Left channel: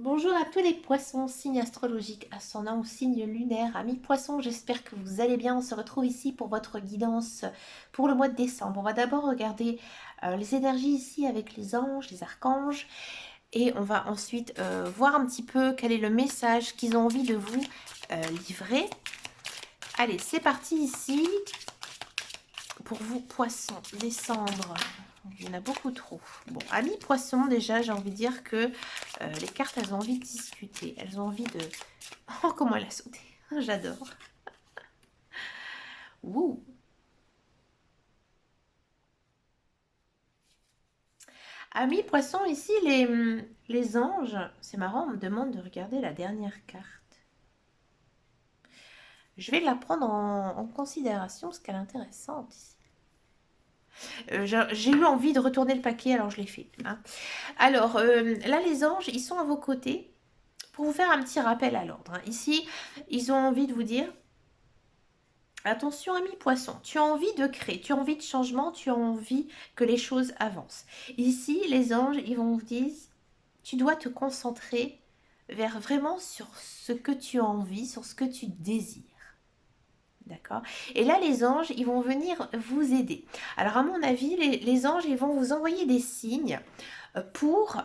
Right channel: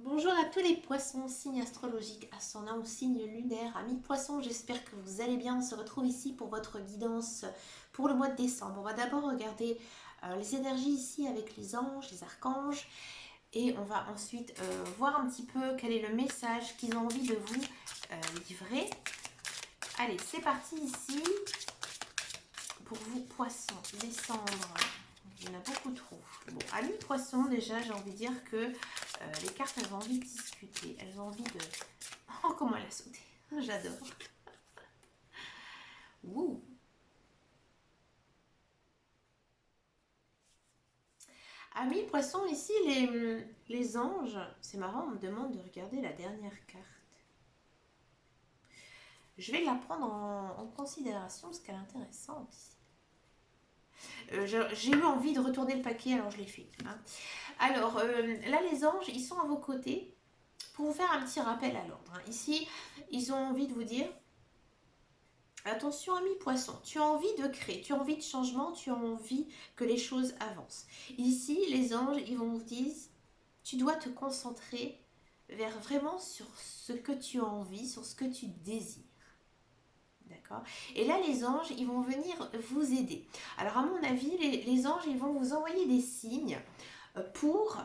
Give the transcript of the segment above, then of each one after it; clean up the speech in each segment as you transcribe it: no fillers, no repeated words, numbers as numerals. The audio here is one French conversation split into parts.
Bonjour à tous les poissons, signe astrologique, ascendant ou signe lunaire. Amis poissons, j'espère que vous allez bien. On se retrouve ici pour votre guidance pour le mois de décembre. On va d'abord regarder les énergies ici avec les anges, les archanges. Et on va ensuite voir un petit peu quel est le message qu'ils ont envie de vous livrer. Allez, c'est parti ici pour vous poissons, décembre. Il y en a beaucoup trop. Bon, amis poissons, déjà, j'ai envie de dire que les cartes, elles ont envie de discuter. Elles ont envie de... Oh, comment elle a sauté. J'adore. Ouh. Amis poissons, ici, les anges. C'est marrant, on me demande de regarder la dernière carte. Je vais la prendre en considération parce qu'elle est intéressante ici. J'ai eu envie de retourner le paquet, alors je l'ai fait. Hein. Alors, là, les anges, ils sont à vos côtés pour vous faire un petit rappel à l'ordre. Hein. Ici, ils ont envie de vous dire, attention, ami poisson, tu as envie de créer, tu as envie de changement, tu as envie que les choses avancent. Ici, les anges, ils vont vous dire, tu dois te concentrer vers vraiment sur ce que tu as envie, sur ce que tu désires. D'accord. Et là, les anges, ils vont venir vous aider. Alors, à mon avis, les anges, ils vont vous envoyer des signes pour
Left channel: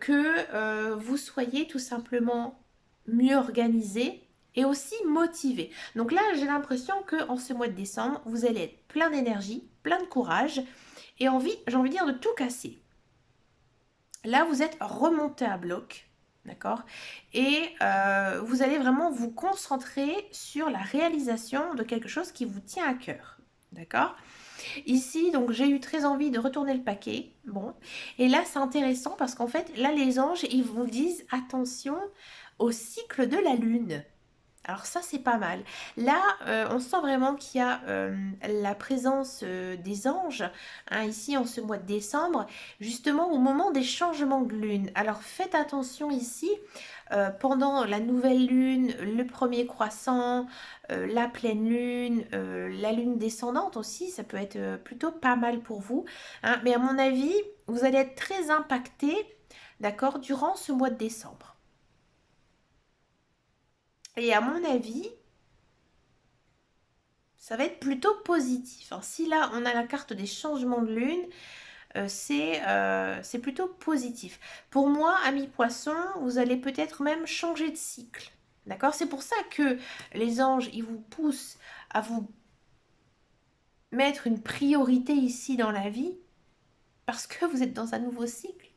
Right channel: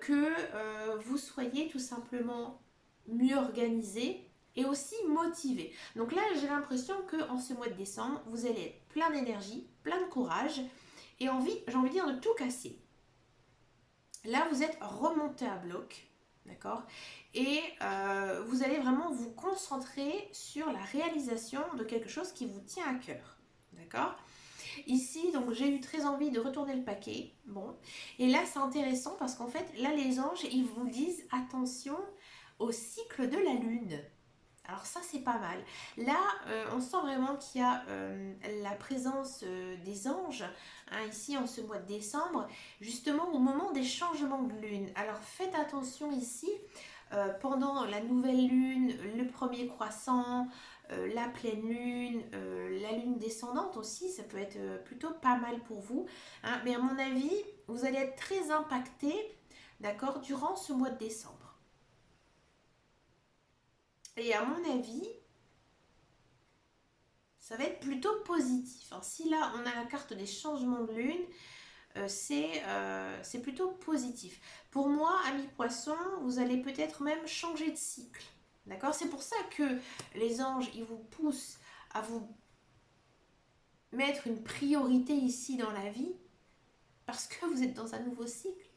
que vous soyez tout simplement mieux organisé et aussi motivé. Donc là, j'ai l'impression que en ce mois de décembre, vous allez être plein d'énergie, plein de courage et envie, j'ai envie de dire, de tout casser. Là, vous êtes remonté à bloc, d'accord. Et vous allez vraiment vous concentrer sur la réalisation de quelque chose qui vous tient à cœur, d'accord. Ici, donc j'ai eu très envie de retourner le paquet. Bon, et là c'est intéressant parce qu'en fait, là les anges, ils vous disent attention au cycle de la lune. Alors ça c'est pas mal. Là, on sent vraiment qu'il y a la présence des anges, hein, ici en ce mois de décembre, justement au moment des changements de lune. Alors faites attention ici, pendant la nouvelle lune, le premier croissant, la pleine lune, la lune descendante aussi, ça peut être plutôt pas mal pour vous. Hein, mais à mon avis, vous allez être très impacté, d'accord, durant ce mois de décembre. Et à mon avis, ça va être plutôt positif. Hein. Si là, on a la carte des changements de lune, c'est plutôt positif. Pour moi, ami poisson, vous allez peut-être même changer de cycle. D'accord. C'est pour ça que les anges, ils vous poussent à vous mettre une priorité ici dans la vie parce que vous êtes dans un nouveau cycle.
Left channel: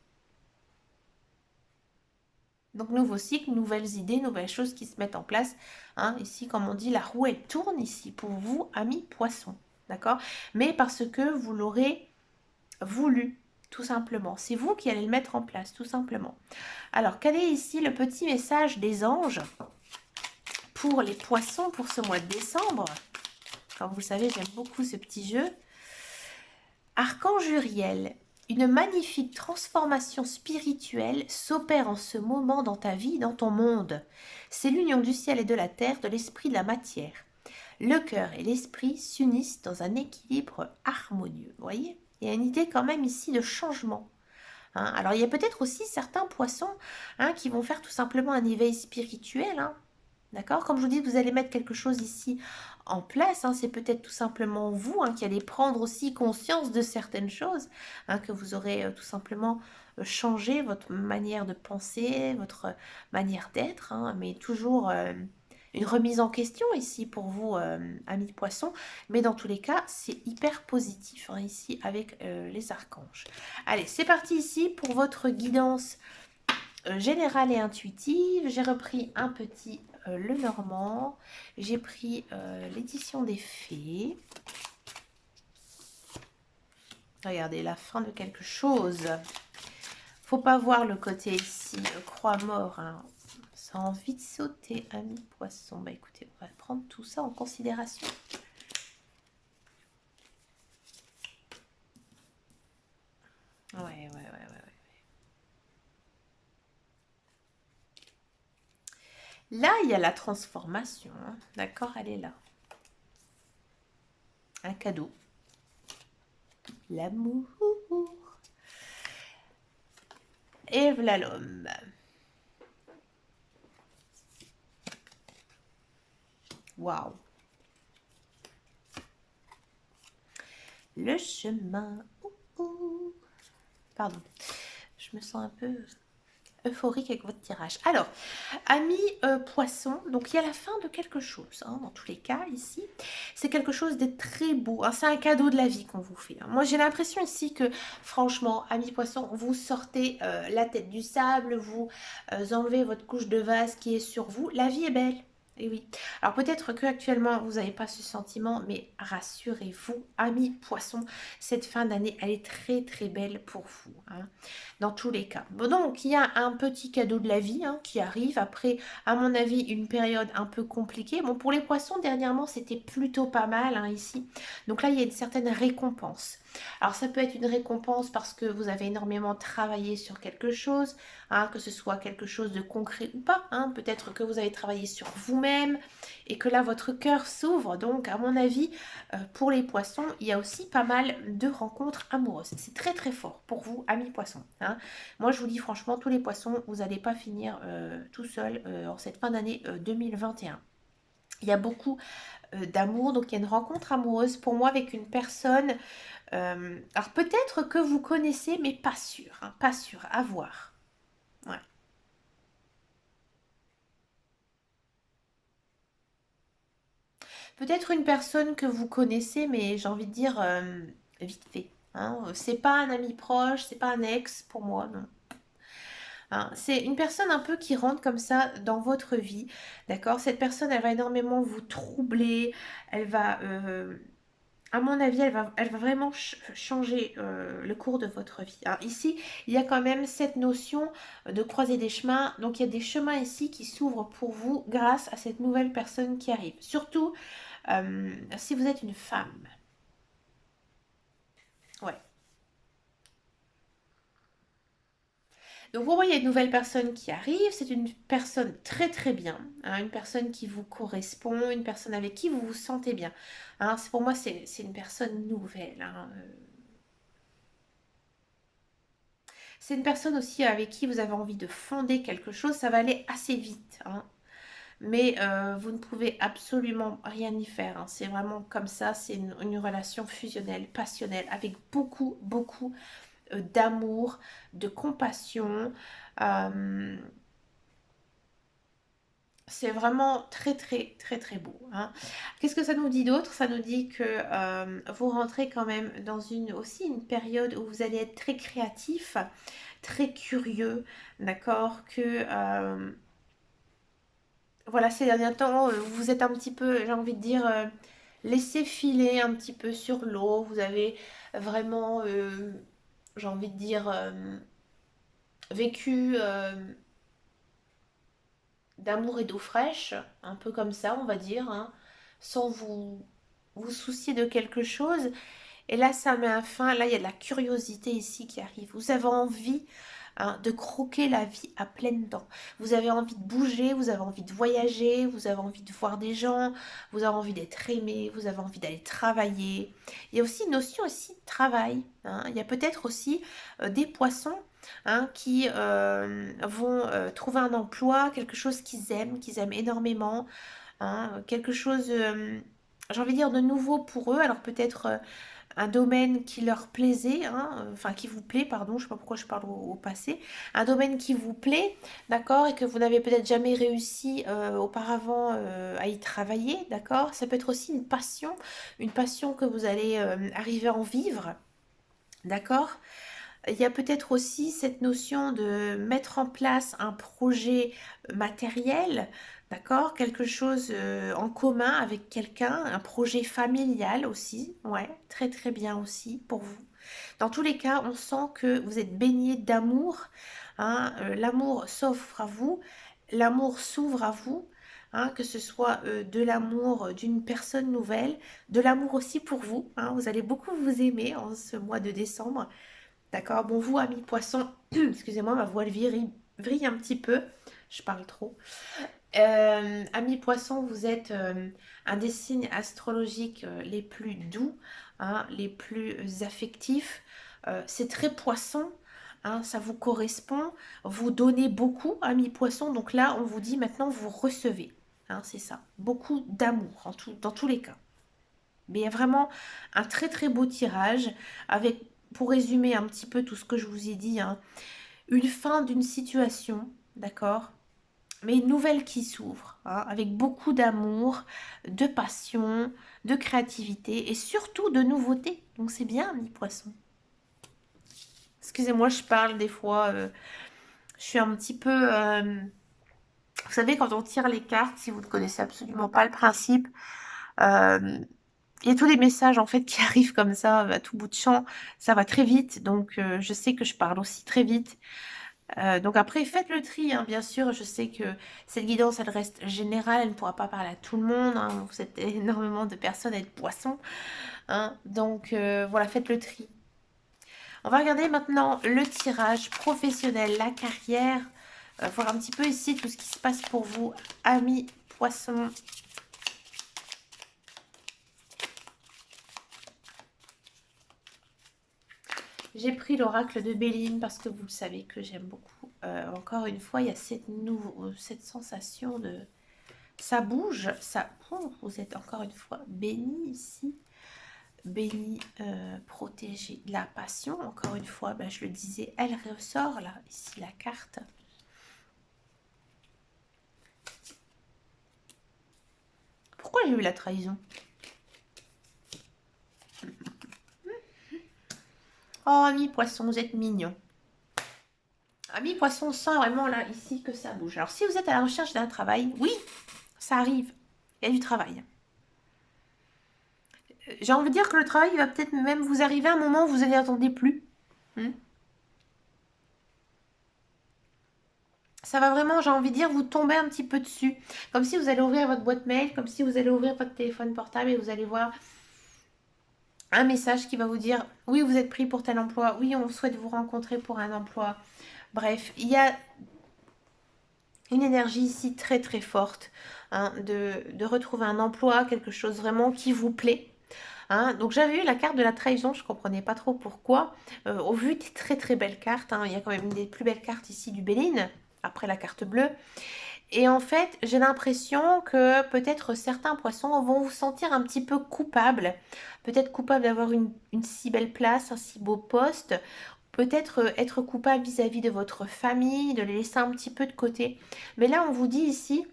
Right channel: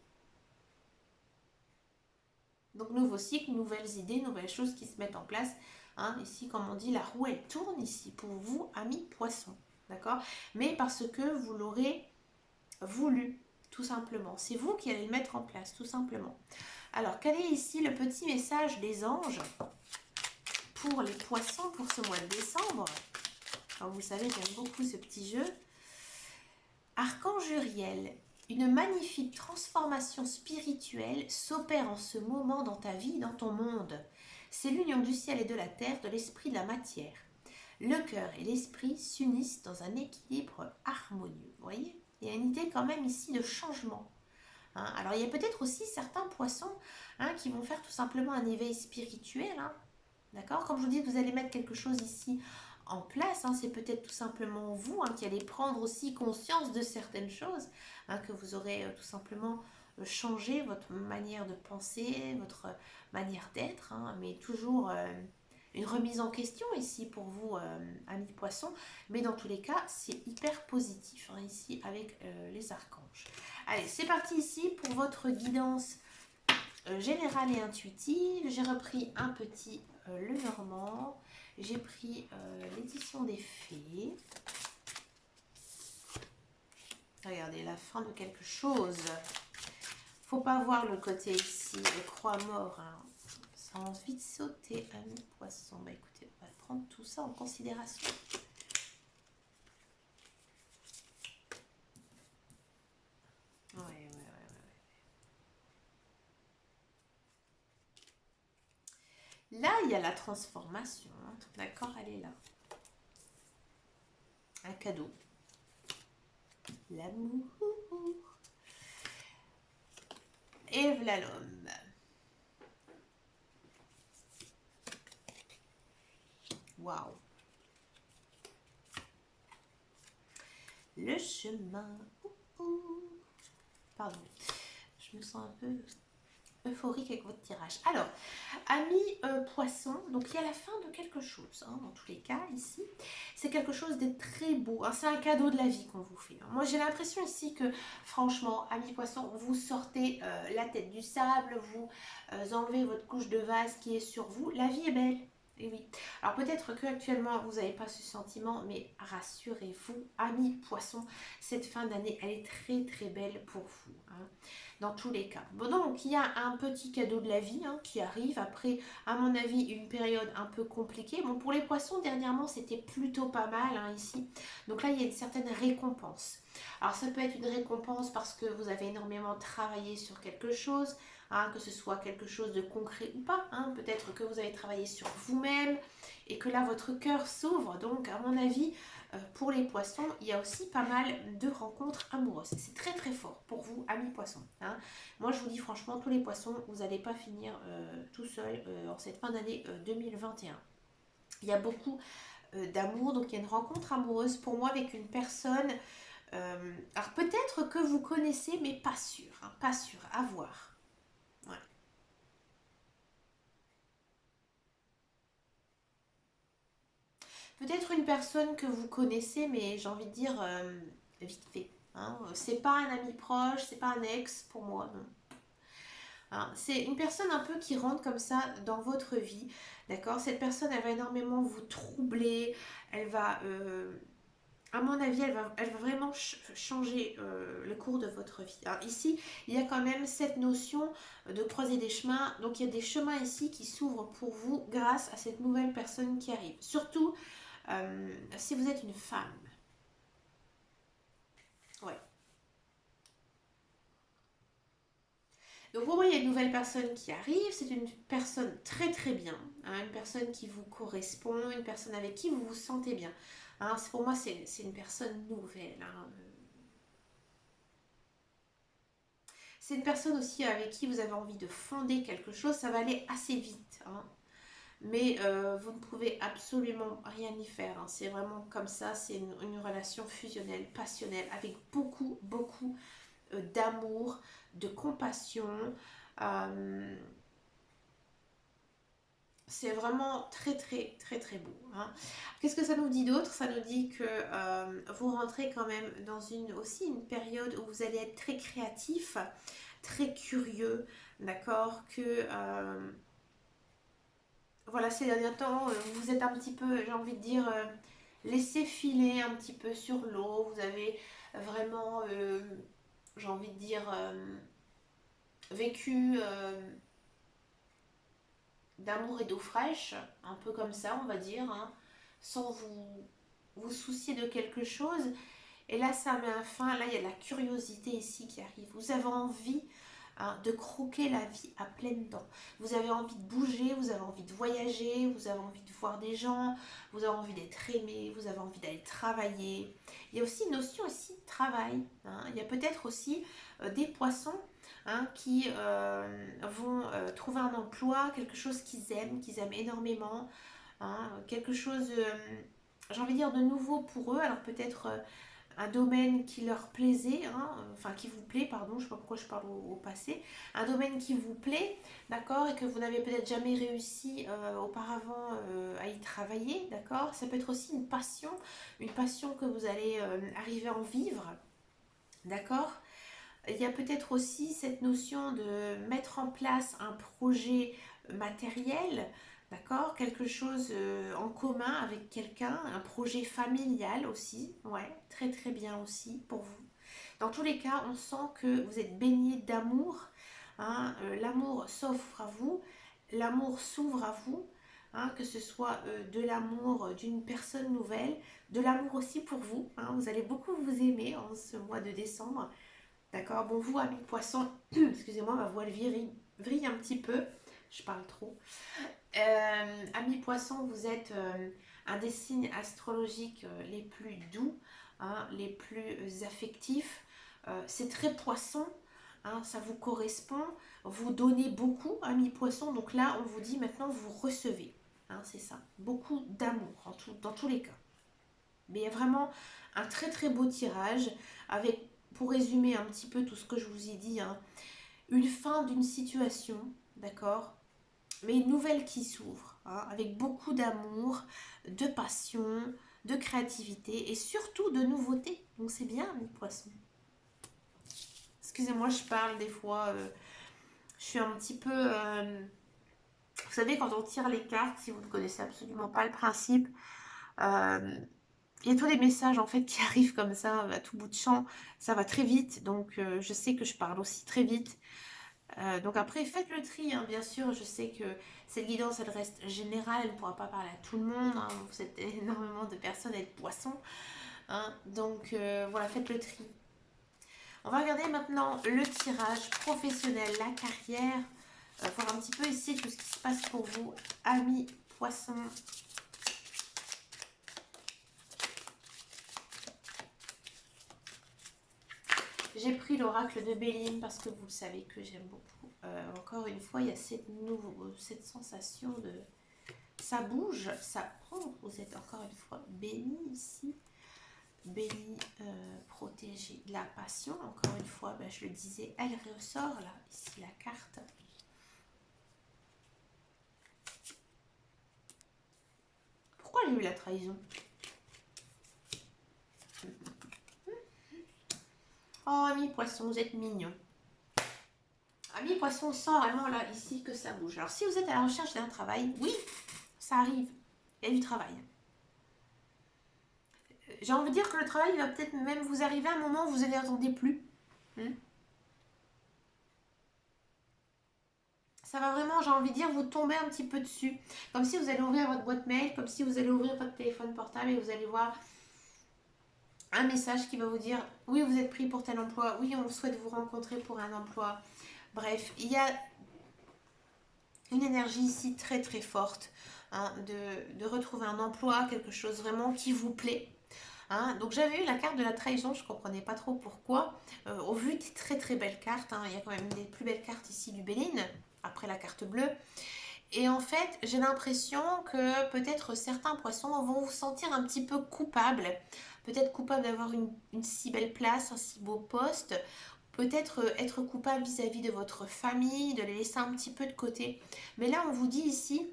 Donc, nouveau cycle, nouvelles idées, nouvelles choses qui se mettent en place. Hein. Ici, comme on dit, la roue, elle tourne ici pour vous, ami poisson. D'accord. Mais parce que vous l'aurez voulu, tout simplement. C'est vous qui allez le mettre en place, tout simplement. Alors, quel est ici le petit message des anges pour les poissons pour ce mois de décembre? Comme vous le savez, j'aime beaucoup ce petit jeu. Archange Uriel, une magnifique transformation spirituelle s'opère en ce moment dans ta vie, dans ton monde. C'est l'union du ciel et de la terre, de l'esprit et de la matière. Le cœur et l'esprit s'unissent dans un équilibre harmonieux. Vous voyez? Il y a une idée quand même ici de changement. Hein. Alors il y a peut-être aussi certains poissons, hein, qui vont faire tout simplement un éveil spirituel. Hein. D'accord. Comme je vous dis, vous allez mettre quelque chose ici en place. Hein. C'est peut-être tout simplement vous, hein, qui allez prendre aussi conscience de certaines choses, hein, que vous aurez tout simplement changé votre manière de penser, votre manière d'être, hein, mais toujours une remise en question ici pour vous, amis poissons. Mais dans tous les cas, c'est hyper positif, hein, ici avec les archanges. Allez, c'est parti ici pour votre guidance générale et intuitive. J'ai repris un petit Le Normand. J'ai pris l'édition des fées. Regardez, la fin de quelque chose. Faut pas voir le côté ici, croix-mort. Hein. Ça a envie de sauter, ami poisson. Bah écoutez, on va prendre tout ça en considération. Ouais, ouais, ouais, ouais. Là, il y a la transformation. Hein. D'accord, elle est là. Un cadeau. L'amour. Et voilà l'homme. Waouh. Le chemin. Ouh, ouh. Pardon. Je me sens un peu euphorique avec votre tirage. Alors, amis poisson, donc il y a la fin de quelque chose, hein, dans tous les cas ici. C'est quelque chose de très beau, hein, c'est un cadeau de la vie qu'on vous fait, hein. Moi j'ai l'impression ici que franchement, amis poisson, vous sortez la tête du sable, vous enlevez votre couche de vase qui est sur vous. La vie est belle. Et oui. Alors peut-être que actuellement vous n'avez pas ce sentiment, mais rassurez-vous, amis poisson, cette fin d'année, elle est très très belle pour vous, hein, dans tous les cas. Bon, donc il y a un petit cadeau de la vie, hein, qui arrive après, à mon avis, une période un peu compliquée. Bon, pour les poissons, dernièrement, c'était plutôt pas mal, hein, ici. Donc là, il y a une certaine récompense. Alors ça peut être une récompense parce que vous avez énormément travaillé sur quelque chose, hein, que ce soit quelque chose de concret ou pas, hein. Peut-être que vous avez travaillé sur vous-même et que là, votre cœur s'ouvre. Donc, à mon avis, pour les poissons, il y a aussi pas mal de rencontres amoureuses. C'est très très fort pour vous, amis poissons, hein. Moi, je vous dis franchement, tous les poissons, vous n'allez pas finir tout seul en cette fin d'année 2021. Il y a beaucoup d'amour, donc il y a une rencontre amoureuse pour moi avec une personne. Alors peut-être que vous connaissez, mais pas sûr, hein, pas sûr, à voir. Ouais. Peut-être une personne que vous connaissez, mais j'ai envie de dire vite fait, hein. C'est pas un ami proche, c'est pas un ex pour moi, non. Hein, c'est une personne un peu qui rentre comme ça dans votre vie, d'accord? Cette personne, elle va énormément vous troubler, elle va, à mon avis, elle va vraiment changer le cours de votre vie. Alors ici, il y a quand même cette notion de croiser des chemins, donc il y a des chemins ici qui s'ouvrent pour vous grâce à cette nouvelle personne qui arrive. Surtout si vous êtes une femme. Ouais. Donc pour moi, il y a une nouvelle personne qui arrive, c'est une personne très très bien, hein, une personne qui vous correspond, une personne avec qui vous vous sentez bien. Hein, pour moi, c'est une personne nouvelle, hein. C'est une personne aussi avec qui vous avez envie de fonder quelque chose, ça va aller assez vite, hein. Mais vous ne pouvez absolument rien y faire, hein. C'est vraiment comme ça, c'est une relation fusionnelle, passionnelle, avec beaucoup, beaucoup d'amour, de compassion. Euh, C'est vraiment très très très très beau, hein. Qu'est-ce que ça nous dit d'autre? Ça nous dit que vous rentrez quand même dans aussi une période où vous allez être très créatif, très curieux, d'accord? Que voilà, ces derniers temps, vous êtes un petit peu, j'ai envie de dire, laissé filer un petit peu sur l'eau. Vous avez vraiment, j'ai envie de dire, vécu d'amour et d'eau fraîche, un peu comme ça, on va dire, hein, sans vous soucier de quelque chose. Et là, ça met un fin. Là, il y a de la curiosité ici qui arrive. Vous avez envie, hein, de croquer la vie à pleines dents. Vous avez envie de bouger, vous avez envie de voyager, vous avez envie de voir des gens, vous avez envie d'être aimé, vous avez envie d'aller travailler. Il y a aussi une notion aussi de travail, hein. Il y a peut-être aussi des poissons, hein, qui vont trouver un emploi, quelque chose qu'ils aiment énormément, hein, quelque chose, j'ai envie de dire, de nouveau pour eux. Alors peut-être un domaine qui leur plaisait, hein, enfin qui vous plaît, pardon, je ne sais pas pourquoi je parle au passé, un domaine qui vous plaît, d'accord, et que vous n'avez peut-être jamais réussi auparavant à y travailler, d'accord. Ça peut être aussi une passion que vous allez arriver à en vivre, d'accord. Il y a peut-être aussi cette notion de mettre en place un projet matériel, d'accord? Quelque chose en commun avec quelqu'un, un projet familial aussi, ouais, très très bien aussi pour vous. Dans tous les cas, on sent que vous êtes baigné d'amour, hein, l'amour s'offre à vous, l'amour s'ouvre à vous, hein, que ce soit de l'amour d'une personne nouvelle, de l'amour aussi pour vous, hein. Vous allez beaucoup vous aimer en ce mois de décembre. D'accord, bon vous amis poissons, excusez-moi, ma voix vrille un petit peu, je parle trop. Amis poissons, vous êtes un des signes astrologiques les plus doux, hein, les plus affectifs. C'est très poisson, hein, ça vous correspond. Vous donnez beaucoup, amis poissons, donc là on vous dit maintenant vous recevez. hein, c'est ça. Beaucoup d'amour dans tous les cas. Mais il y a vraiment un très très beau tirage avec, pour résumer un petit peu tout ce que je vous ai dit, hein, une fin d'une situation, d'accord? Mais une nouvelle qui s'ouvre, hein, avec beaucoup d'amour, de passion, de créativité et surtout de nouveautés. Donc c'est bien, mes poissons. Excusez-moi, je parle des fois, je suis un petit peu... vous savez, quand on tire les cartes, si vous ne connaissez absolument pas le principe, euh, il y a tous les messages en fait qui arrivent comme ça à tout bout de champ. Ça va très vite, donc je sais que je parle aussi très vite. Donc après, faites le tri, hein, bien sûr. Je sais que cette guidance, elle reste générale, elle ne pourra pas parler à tout le monde, hein. Vous êtes énormément de personnes à être poissons, hein. Donc voilà, faites le tri. On va regarder maintenant le tirage professionnel, la carrière, voir un petit peu ici tout ce qui se passe pour vous, amis poissons. J'ai pris l'oracle de Béline parce que vous le savez que j'aime beaucoup. Encore une fois, il y a cette sensation de... Ça bouge, ça... Oh, vous êtes encore une fois béni ici. Béni, protégé. La passion, encore une fois, ben, je le disais, elle ressort là, ici la carte. Pourquoi j'ai eu la trahison? Oh, ami poisson, vous êtes mignon. Ami poisson, on sent vraiment là, ici, que ça bouge. Alors, si vous êtes à la recherche d'un travail, oui, ça arrive. Il y a du travail. J'ai envie de dire que le travail va peut-être même vous arriver à un moment où vous n'en attendez plus. Ça va vraiment, j'ai envie de dire, vous tomber un petit peu dessus. Comme si vous allez ouvrir votre boîte mail, comme si vous allez ouvrir votre téléphone portable et vous allez voir un message qui va vous dire oui, vous êtes pris pour tel emploi, oui, on souhaite vous rencontrer pour un emploi. Bref, il y a une énergie ici très très forte, hein, de retrouver un emploi, quelque chose vraiment qui vous plaît. Hein. Donc j'avais eu la carte de la trahison, je ne comprenais pas trop pourquoi. Au vu des très très belles cartes, hein, il y a quand même une des plus belles cartes ici du Béline, après la carte bleue. Et en fait, j'ai l'impression que peut-être certains poissons vont vous sentir un petit peu coupables. Peut-être coupable d'avoir une si belle place, un si beau poste. Peut-être être coupable vis-à-vis de votre famille, de les laisser un petit peu de côté. Mais là, on vous dit ici,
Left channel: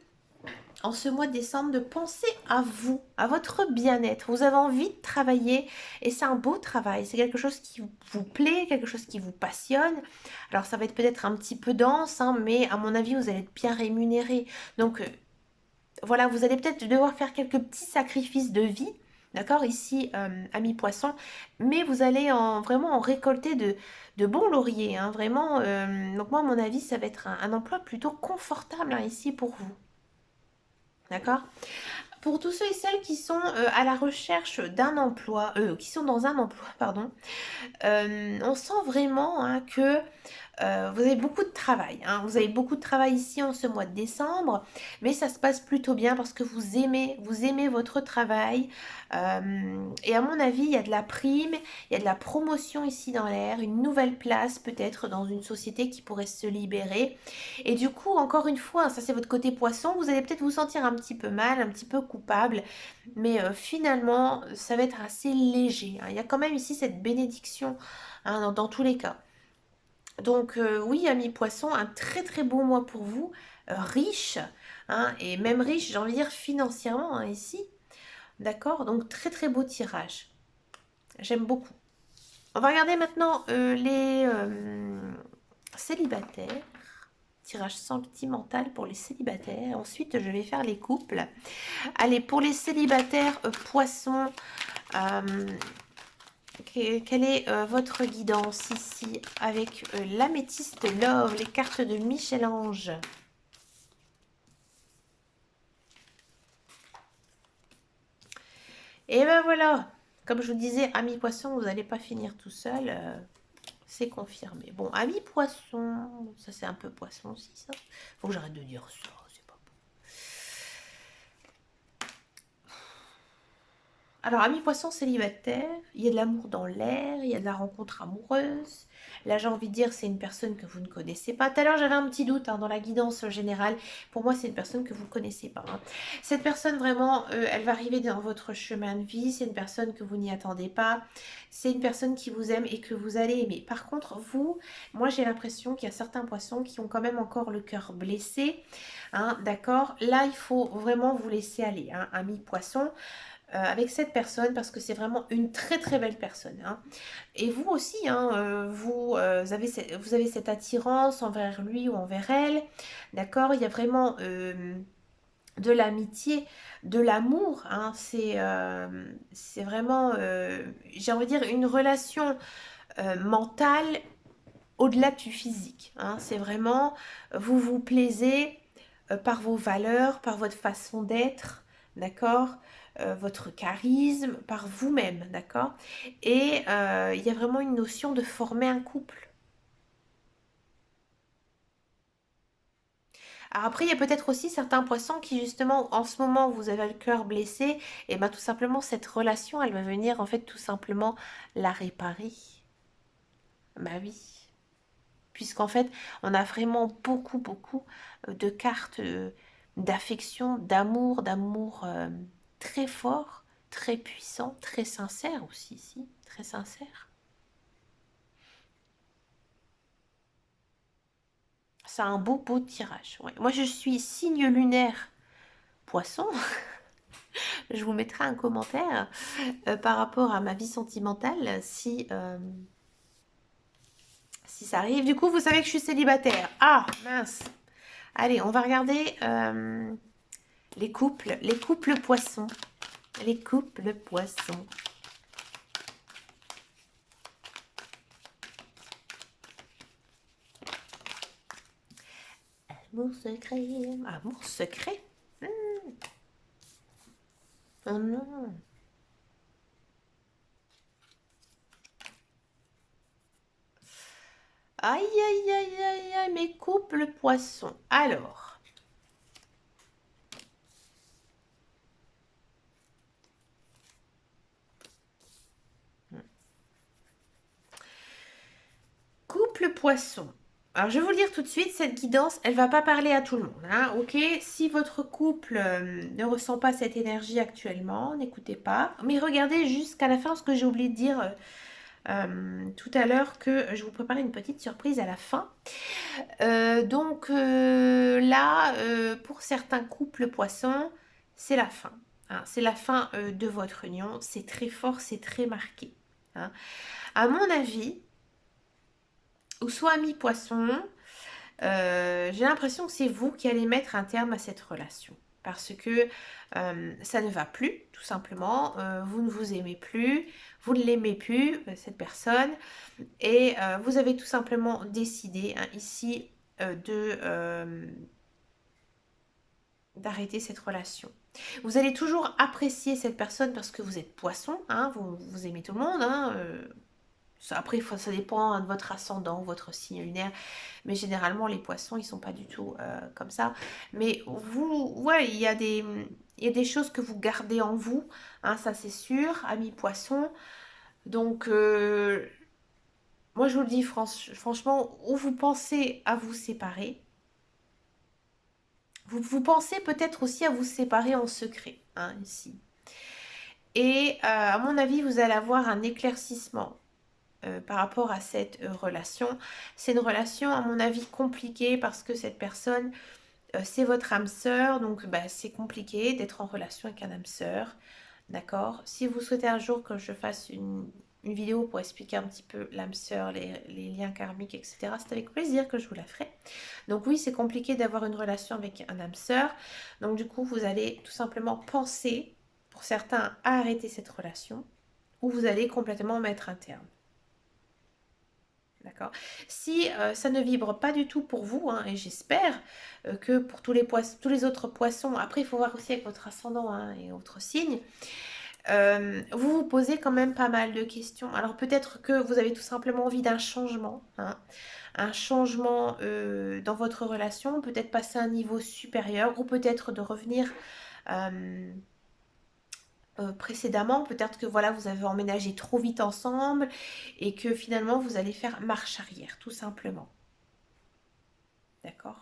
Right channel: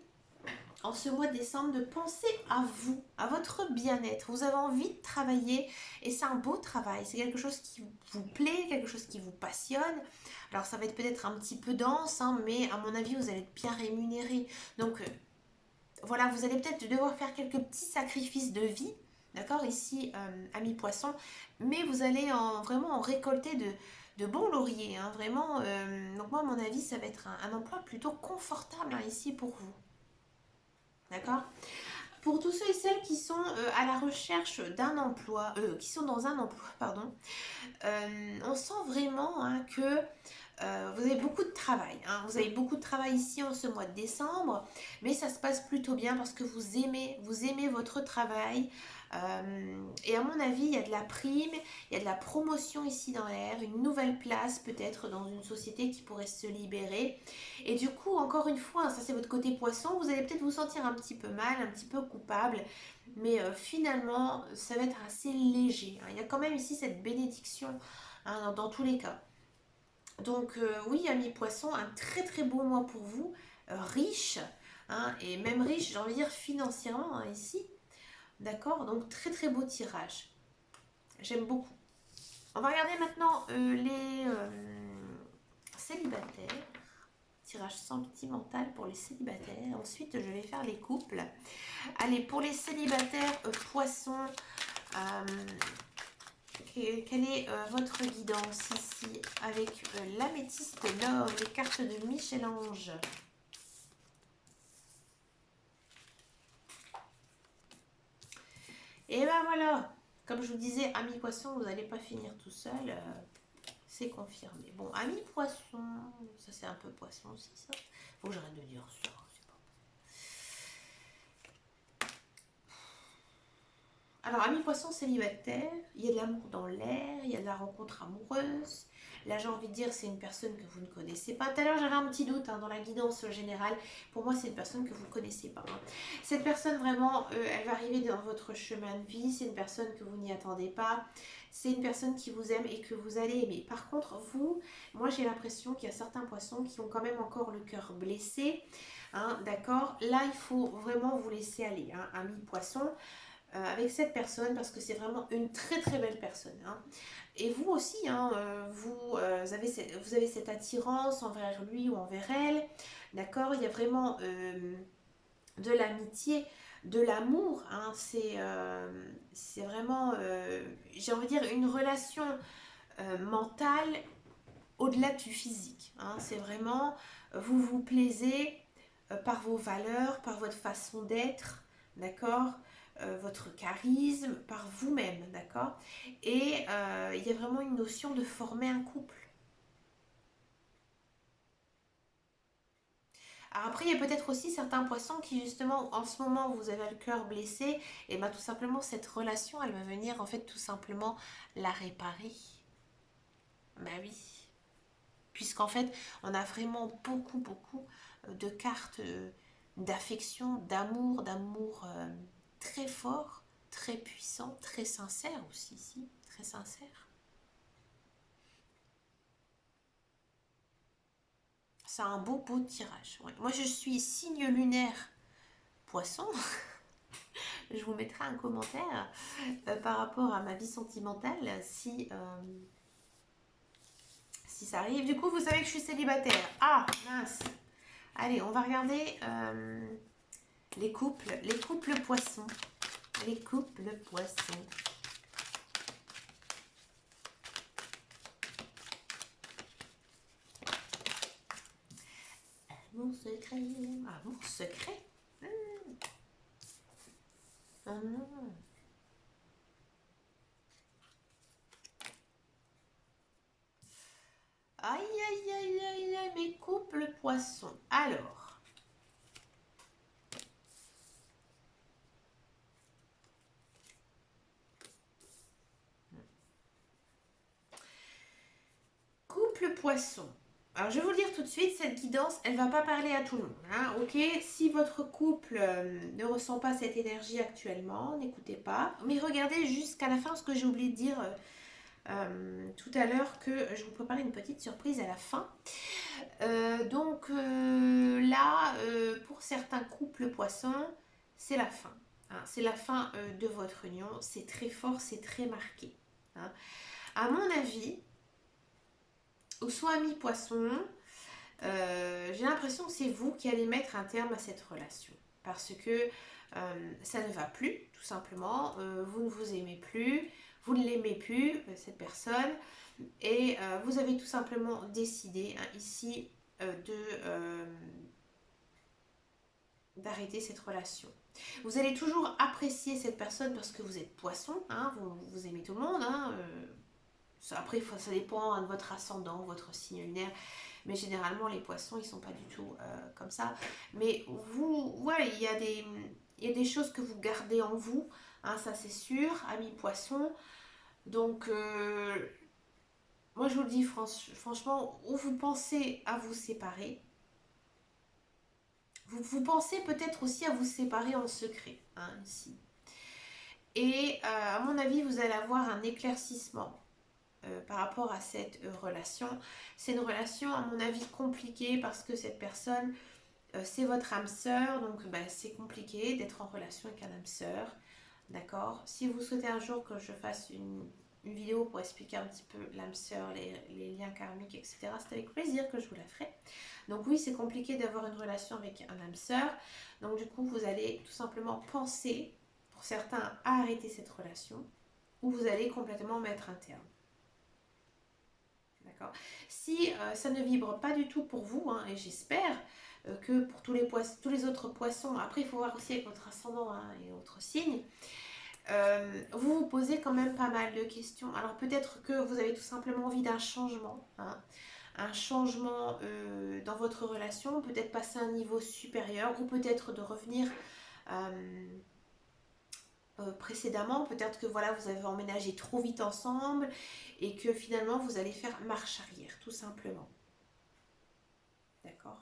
en ce mois de décembre, de penser à vous, à votre bien-être. Vous avez envie de travailler et c'est un beau travail. C'est quelque chose qui vous plaît, quelque chose qui vous passionne. Alors ça va être peut-être un petit peu dense, hein, mais à mon avis, vous allez être bien rémunéré. Donc voilà, vous allez peut-être devoir faire quelques petits sacrifices de vie. D'accord, ici, amis poissons, mais vous allez vraiment en récolter de bons lauriers, hein, vraiment. Donc moi, à mon avis, ça va être un emploi plutôt confortable, hein, ici pour vous. D'accord. Pour tous ceux et celles qui sont à la recherche d'un emploi, qui sont dans un emploi, pardon, on sent vraiment, hein, que vous avez beaucoup de travail, hein. Vous avez beaucoup de travail ici en ce mois de décembre, mais ça se passe plutôt bien parce que vous aimez votre travail. Et à mon avis, il y a de la prime, il y a de la promotion ici dans l'air, une nouvelle place peut-être dans une société qui pourrait se libérer. Et du coup, encore une fois, ça c'est votre côté poisson, vous allez peut-être vous sentir un petit peu mal, un petit peu coupable, mais finalement, ça va être assez léger, hein. Il y a quand même ici cette bénédiction, hein, dans tous les cas. Donc oui, amis poissons, un très très beau mois pour vous, riche, hein, et même riche, j'ai envie de dire financièrement, hein, ici. D'accord. Donc très très beau tirage. J'aime beaucoup. On va regarder maintenant les célibataires. Tirage sentimental pour les célibataires. Ensuite, je vais faire les couples. Allez, pour les célibataires poissons, quelle est votre guidance ici avec l'améthyste love, les cartes de Michel-Ange? Et ben voilà, comme je vous disais, ami poisson, vous n'allez pas finir tout seul, c'est confirmé. Bon, ami poisson, ça c'est un peu poisson aussi, ça. Faut que j'arrête de dire ça, c'est pas... Alors, ami poisson célibataire, il y a de l'amour dans l'air, il y a de la rencontre amoureuse, Là, j'ai envie de dire, c'est une personne que vous ne connaissez pas. Tout à l'heure, j'avais un petit doute dans la guidance générale. Pour moi, c'est une personne que vous ne connaissez pas. Cette personne, vraiment, elle va arriver dans votre chemin de vie. C'est une personne que vous n'y attendez pas. C'est une personne qui vous aime et que vous allez aimer. Par contre, vous, moi, j'ai l'impression qu'il y a certains poissons qui ont quand même encore le cœur blessé. D'accord? Là, il faut vraiment vous laisser aller, ami poisson. Avec cette personne parce que c'est vraiment une très très belle personne. Et vous aussi, vous avez cette attirance envers lui ou envers elle. D'accord? Il y a vraiment de l'amitié, de l'amour. C'est vraiment, j'ai envie de dire, une relation mentale au-delà du physique. C'est vraiment, vous vous plaisez par vos valeurs, par votre façon d'être, d'accord, votre charisme, par vous-même, d'accord. Et il y a vraiment une notion de former un couple. Alors après, il y a peut-être aussi certains poissons qui, justement, en ce moment où vous avez le cœur blessé, et bien tout simplement, cette relation, elle va venir, en fait, tout simplement la réparer. Bah oui. Puisqu'en fait, on a vraiment beaucoup, beaucoup de cartes d'affection, d'amour très fort, très puissant, très sincère aussi, si, très sincère. C'est un beau, beau tirage. Ouais. Moi, je suis signe lunaire poisson. Je vous mettrai un commentaire par rapport à ma vie sentimentale si ça arrive. Du coup, vous savez que je suis célibataire. Ah, mince. Allez, on va regarder les couples poissons. Les couples poissons. Amour secret. Amour secret. Oh non. Aïe, aïe, aïe, aïe, aïe, mes couples poissons. Alors. Couple poisson. Alors, je vais vous le dire tout de suite, cette guidance, elle va pas parler à tout le monde. Ok? Si votre couple ne ressent pas cette énergie actuellement, n'écoutez pas. Mais regardez jusqu'à la fin, ce que j'ai oublié de dire tout à l'heure, que je vous préparais une petite surprise à la fin. Là, pour certains couples poissons, c'est la fin. C'est la fin de votre union. C'est très fort, c'est très marqué. À mon avis, ou soit ami poisson, j'ai l'impression que c'est vous qui allez mettre un terme à cette relation. Parce que ça ne va plus, tout simplement. Vous ne vous aimez plus, vous ne l'aimez plus, cette personne. Et vous avez tout simplement décidé ici d'arrêter cette relation. Vous allez toujours apprécier cette personne parce que vous êtes poisson, vous aimez tout le monde. Après, ça dépend de votre ascendant, votre signe lunaire. Mais généralement, les poissons, ils sont pas du tout comme ça. Mais vous, ouais, il y a des choses que vous gardez en vous. Ça, c'est sûr, amis poissons. Donc, moi, je vous le dis franchement, où vous pensez à vous séparer, vous pensez peut-être aussi à vous séparer en secret, ici. Et à mon avis, vous allez avoir un éclaircissement par rapport à cette relation. C'est une relation, à mon avis, compliquée parce que cette personne, c'est votre âme sœur. Donc, c'est compliqué d'être en relation avec un âme sœur. D'accord? Si vous souhaitez un jour que je fasse une vidéo pour expliquer un petit peu l'âme sœur, les liens karmiques, etc., c'est avec plaisir que je vous la ferai. Donc oui, c'est compliqué d'avoir une relation avec un âme sœur. Donc du coup, vous allez tout simplement penser, pour certains, à arrêter cette relation, ou vous allez complètement mettre un terme. D'accord. Si ça ne vibre pas du tout pour vous, et j'espère que pour tous les autres poissons, après il faut voir aussi avec votre ascendant et autres signes, vous vous posez quand même pas mal de questions. Alors peut-être que vous avez tout simplement envie d'un changement, un changement dans votre relation, peut-être passer à un niveau supérieur ou peut-être de revenir précédemment. Peut-être que voilà, vous avez emménagé trop vite ensemble et que finalement vous allez faire marche arrière, tout simplement. D'accord?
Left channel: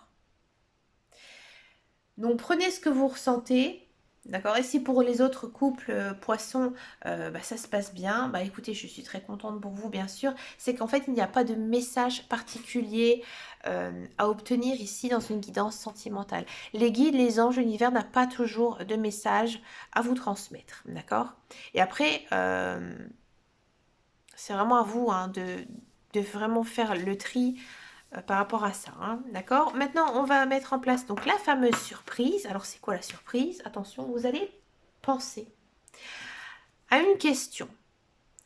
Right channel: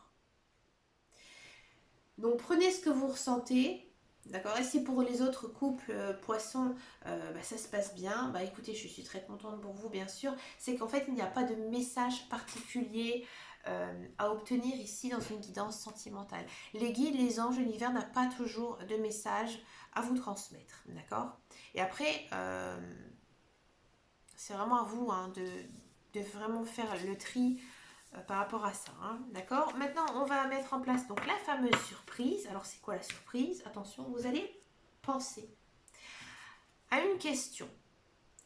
Donc prenez ce que vous ressentez. D'accord. Et si pour les autres couples poissons, bah, ça se passe bien, bah écoutez, je suis très contente pour vous, bien sûr. C'est qu'en fait, il n'y a pas de message particulier à obtenir ici dans une guidance sentimentale. Les guides, les anges, l'univers n'a pas toujours de message à vous transmettre. D'accord. Et après, c'est vraiment à vous hein, de vraiment faire le tri par rapport à ça, hein, d'accord? Maintenant, on va mettre en place donc la fameuse surprise. Alors, c'est quoi la surprise? Attention, vous allez penser à une question,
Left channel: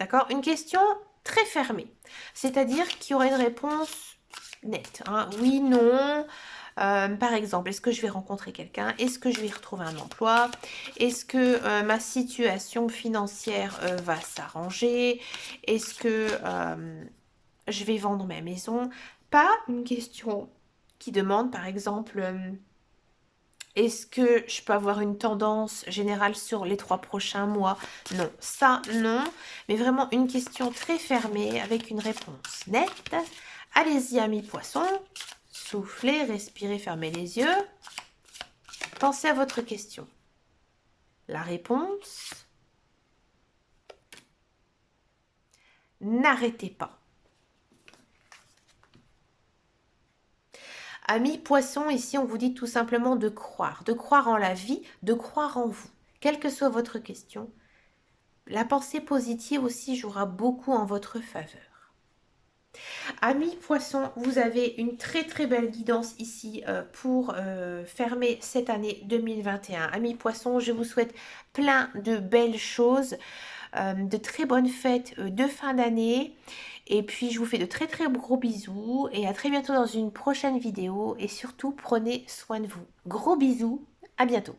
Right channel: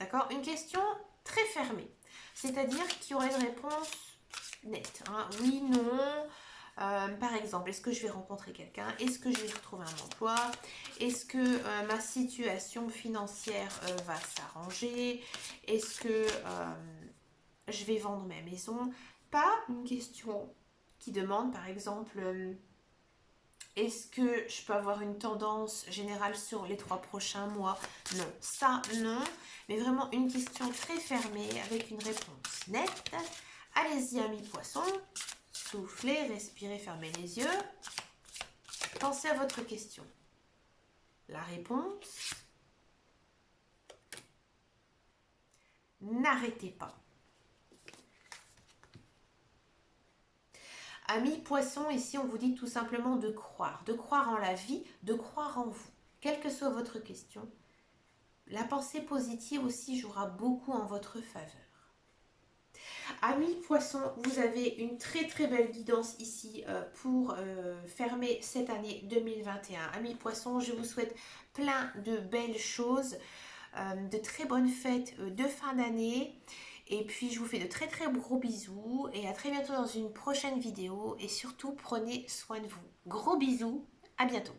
d'accord? Une question très fermée, c'est-à-dire qu'il y aurait une réponse nette, hein, oui, non. Par exemple, est-ce que je vais rencontrer quelqu'un? Est-ce que je vais retrouver un emploi? Est-ce que ma situation financière va s'arranger? Est-ce que je vais vendre ma maison? Pas une question qui demande, par exemple, est-ce que je peux avoir une tendance générale sur les 3 prochains mois? Non, ça, non. Mais vraiment une question très fermée avec une réponse nette. Allez-y, amis poissons. Soufflez, respirez, fermez les yeux. Pensez à votre question. La réponse, n'arrêtez pas. Amis poissons, ici on vous dit tout simplement de croire en la vie, de croire en vous. Quelle que soit votre question, la pensée positive aussi jouera beaucoup en votre faveur. Amis poissons, vous avez une très très belle guidance ici pour fermer cette année 2021. Amis poissons, je vous souhaite plein de belles choses, de très bonnes fêtes de fin d'année. Et puis je vous fais de très très gros bisous et à très bientôt dans une prochaine vidéo. Et surtout, prenez soin de vous. Gros bisous, à bientôt.